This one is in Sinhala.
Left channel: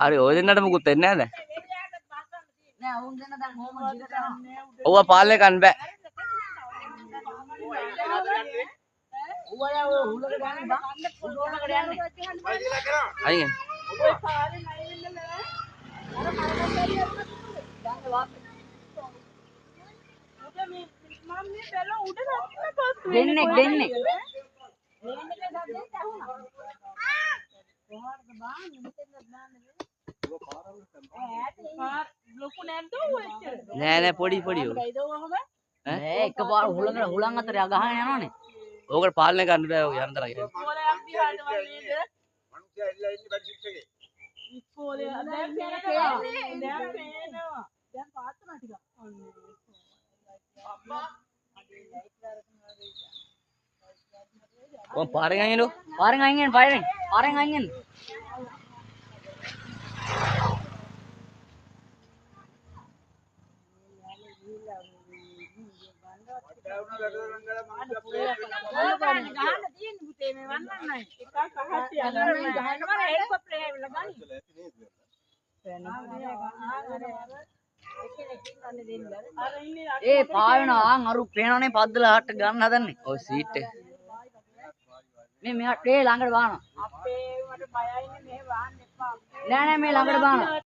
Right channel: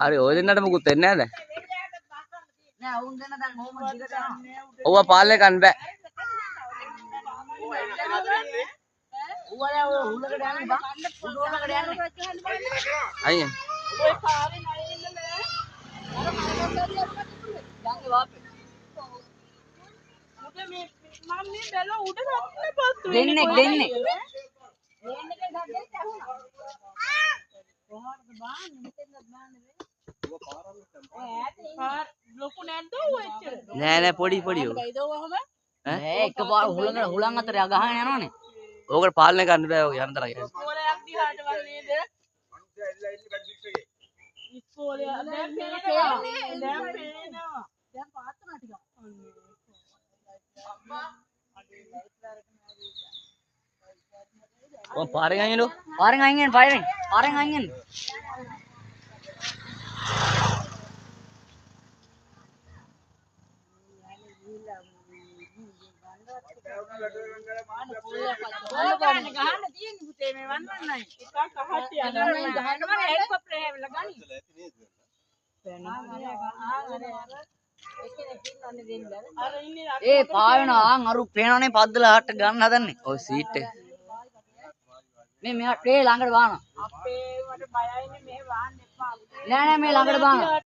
අර ඔය දෙන්නට මොකුත් වෙන්නේ නැද? ඔව්ව පාලනේ ගන්න බෑ. අයියෙන්. දෙන්නේ. නෑ පොඩි ඔය. ඈ එකපාර හුලං අතර ගහගෙන යනවනේ. ඕකට පාලනය ගන්න බෑ ඔය යන්තර ගියා. ඔය පාරෙන් අයින් එන්නෝ. පාරෙන් අයින්. ඒ පාවෙනවා අරු පේනවනේ පද්දලා හට්ට ගන්න හදන්නේ. ඔය සීට් එක. මේ මෙහා ට්‍රේ ළඟට වානවා. අපේ වට බයයිනේ මෙහෙ වාන්න එපා. නෑ මේ ළඟට වානවා.